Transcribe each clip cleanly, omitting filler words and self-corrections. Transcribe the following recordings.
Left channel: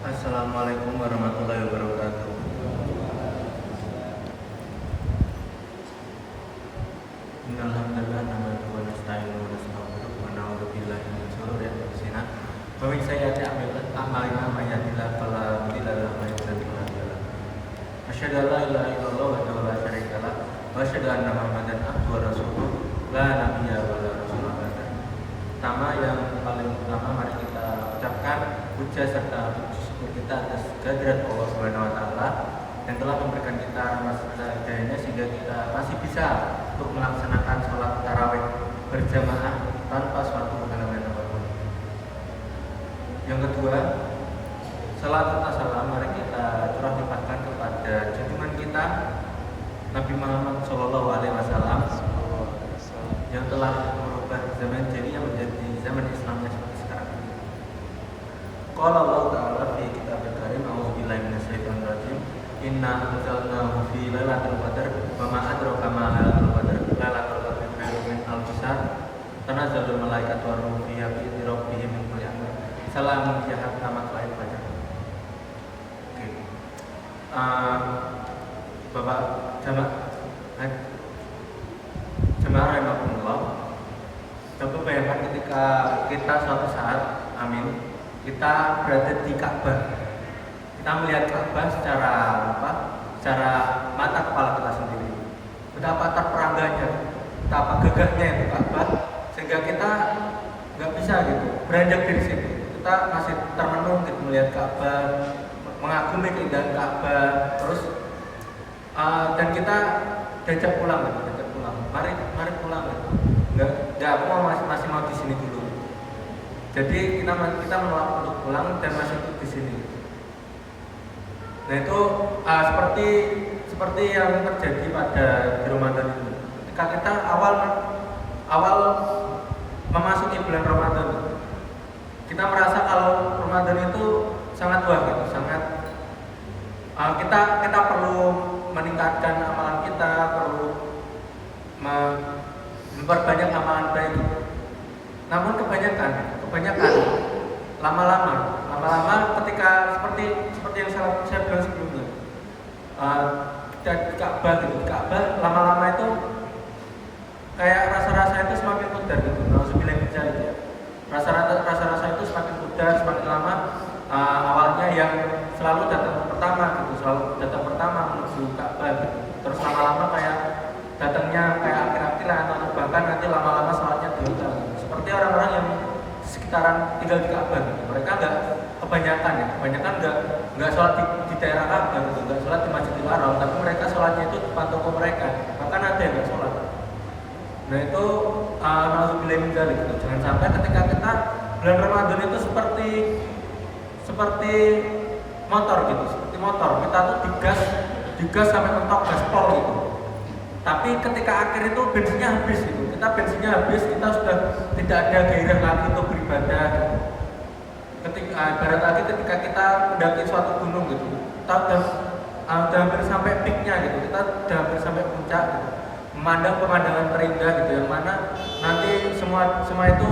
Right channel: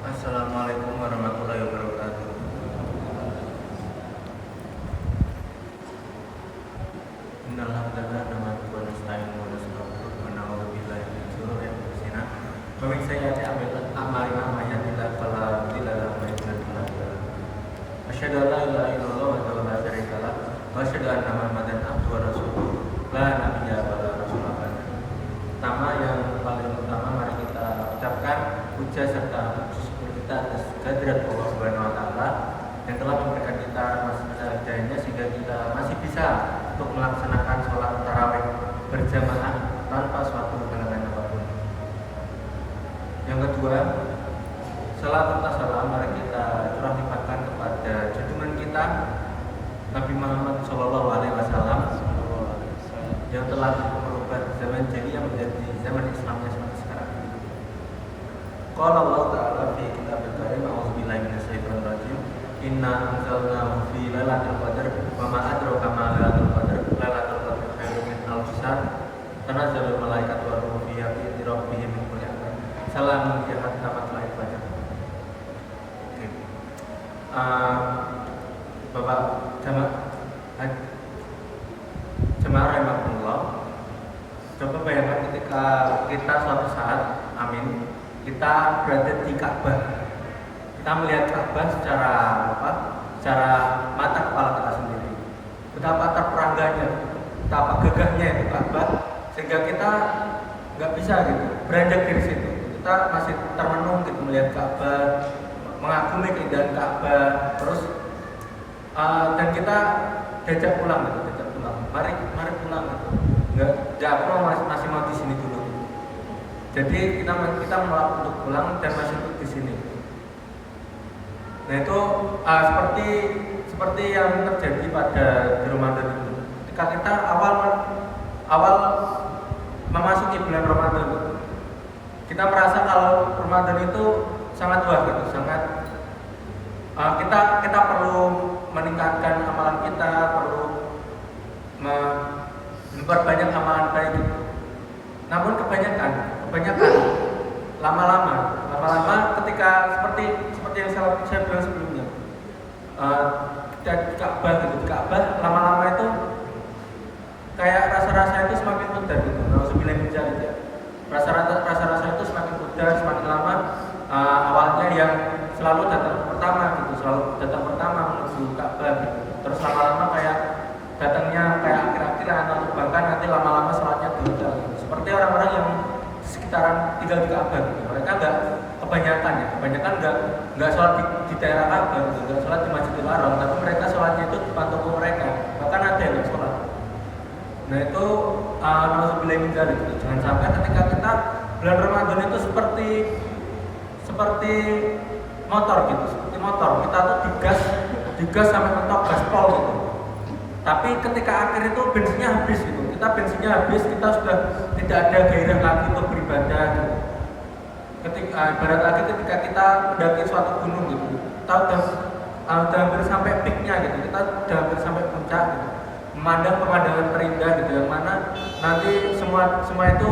Assalamualaikum warahmatullahi wabarakatuh. Innal hamdalillah nahmaduhu wa nasta'inuhu wa nastaghfiruh wa na'udzu billahi min shururi anfusina wa min sayyiati a'malina may yahdihillahu fala mudilla lahu wa may yudlil fala hadiya lahu. Asyhadu an la ilaha illallah wahdahu la syarika lah wa asyhadu anna Muhammadan abduhu wa rasuluh la nabiyya wa la rasula ba'da. Pertama yang paling utama mari kita ucapkan puja serta syukur kita atas kehadirat Allah Subhanahu wa taala yang telah memberikan kita rahmat serta hidayahnya sehingga kita masih bisa untuk melaksanakan sholat tarawih berjamaah tanpa suatu halangan apapun. Yang kedua, salat serta salam mari kita curah limpahkan kepada junjungan kita Nabi Muhammad SAW yang telah merubah zaman jahiliyah menjadi zaman Islamnya seperti sekarang ini. Qala Allah Ta'ala fi kitabil karim a'udzubillahi minasyaitonir rajim inna anzalnahu fi lailatul qadar wa ma adraka ma lailatul qadar lailatul qadri khairun min alfi syahr tanazzalul malaikatu war ruhu fiha bi idzni rabbihim min kulli amrin salamun hiya hatta matla'il fajr. Oke. Bapak jemaah rahimahullah, coba bayangkan ketika kita suatu saat, amin, kita berada di Ka'bah. Kita melihat Ka'bah secara mata kepala kita sendiri. Betapa terperangganya, betapa gagahnya itu Ka'bah, sehingga kita nggak bisa gitu beranjak dari situ. Kita masih termenung gitu melihat Ka'bah, mengagumi keindahan Ka'bah, terus dan kita diajak pulang gitu, Mari pulang gitu. Nggak, aku masih mau di sini dulu. Jadi kita menolak untuk pulang dan masih untuk di sini. Nah itu seperti yang terjadi pada di Ramadan itu. Ketika kita awal memasuki bulan Ramadan, kita merasa kalau Ramadan itu sangat wah gitu, kita perlu meningkatkan amalan kita, perlu memperbanyak amalan baik gitu. Namun kebanyakan lama-lama ketika seperti yang saya bilang sebelumnya, Ka'bah lama-lama itu kayak rasa-rasa itu semakin pudar gitu. Nauzubillah min dzalik ya. Rasa-rasa itu semakin pudar, semakin lama. Awalnya yang selalu datang pertama menuju Ka'bah gitu. Terus lama-lama kayak datangnya kayak akhir-akhiran atau bahkan nanti lama-lama sholatnya di hotel gitu. Seperti orang-orang yang sekitaran tinggal di Ka'bah gitu. Mereka kebanyakan nggak sholat di daerah Ka'bah gitu, nggak sholat di Masjidil Haram, tapi mereka sholatnya itu di depan toko mereka. Bahkan ada yang nggak sholat. Nah itu nauzubillah min dzalik gitu. Jangan sampai ketika kita bulan Ramadan itu seperti motor gitu, kita tuh digas sampai mentok gaspol gitu. Tapi ketika akhir itu bensinnya habis gitu. Kita sudah tidak ada gairah lagi untuk beribadah gitu. Ketika kita mendaki suatu gunung gitu, kita udah hampir sampai peaknya gitu, kita udah hampir sampai puncak gitu. Memandang pemandangan terindah gitu, yang mana nanti semua itu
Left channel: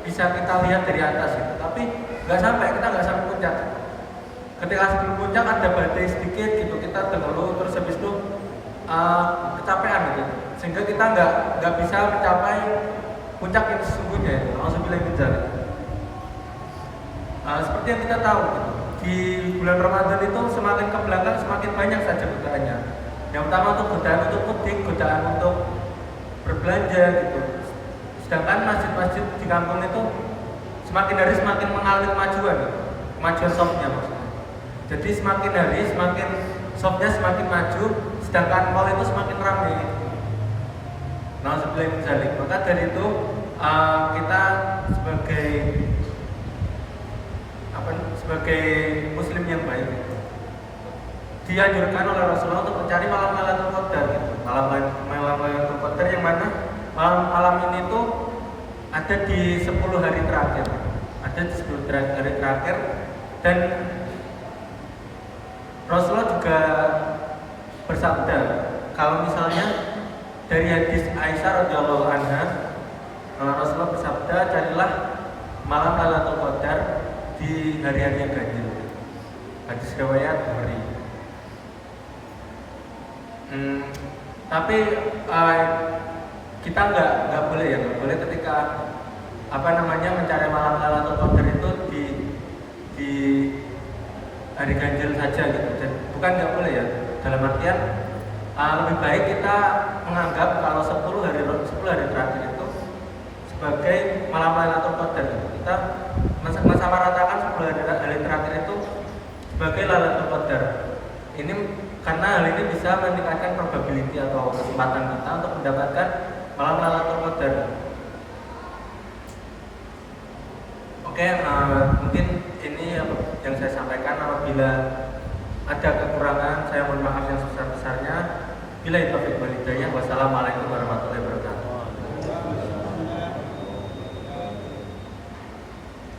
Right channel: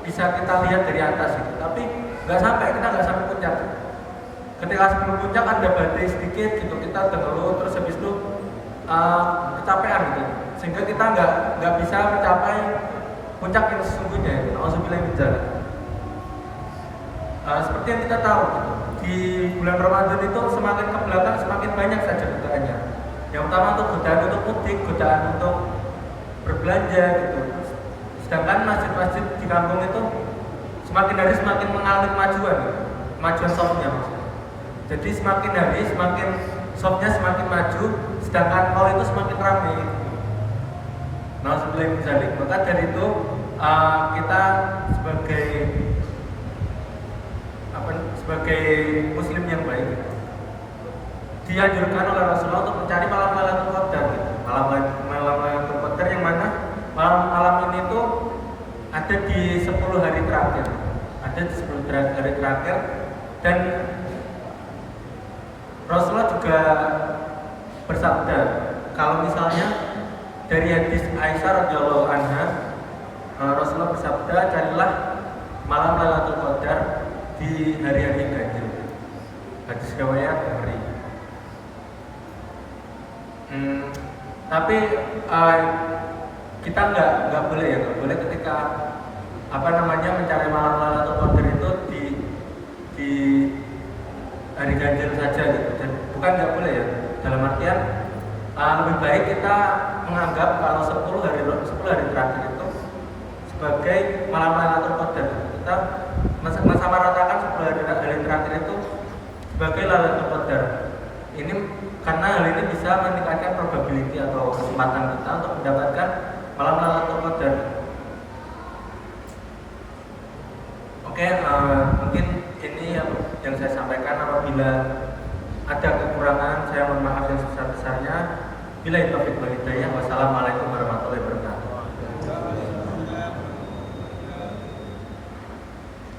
bisa kita lihat dari atas gitu. Tapi kita nggak sampai puncak gitu. Ketika sebelum puncak ada badai sedikit gitu, kita tenggelam, terus habis itu kecapean gitu, sehingga kita nggak bisa mencapai puncak yang sesungguhnya. Nauzubillah min dzalik. Seperti yang kita tahu gitu, di bulan Ramadan itu semakin ke belakang semakin banyak saja godaannya. Yang pertama untuk godaan untuk mudik, godaan untuk berbelanja gitu. Sedangkan masjid-masjid di kampung itu semakin hari semakin mengalami kemajuan gitu. Kemajuan softnya maksudnya. Jadi semakin hari semakin softnya semakin maju, sedangkan mall itu semakin ramai gitu. Nauzubillah min dzalik. Maka dari itu kita sebagai muslim yang baik gitu, dianjurkan oleh Rasulullah untuk mencari malam Lailatul Qadar gitu. Malam Lailatul Qadar yang mana malam ini tuh ada di 10 hari terakhir. Hari terakhir, dan Rasulullah juga bersabda, kalau misalnya dari hadis Aisyah radhiyallahu anha, Rasulullah bersabda, carilah malam Lailatul Qadar di hari-hari yang ganjil. hadis riwayat Bukhari. Tapi kita nggak boleh ketika mencari malam Lailatul Qadar itu di hari ganjil saja gitu, dan bukan nggak boleh ya, dalam artian lebih baik kita menganggap kalau 10 hari terakhir itu sebagai malam Lailatul Qadar. Kita mensamaratakan 10 hari terakhir itu sebagai Lailatul Qadar. Ini karena hal ini bisa meningkatkan probability atau kesempatan kita untuk mendapatkan malam Lailatul Qadar. Oke, mungkin ini yang saya sampaikan. Apabila ada kekurangan, saya mohon maaf yang sebesar-besarnya. Billahi taufiq wal hidayah. Wassalamualaikum warahmatullahi wabarakatuh.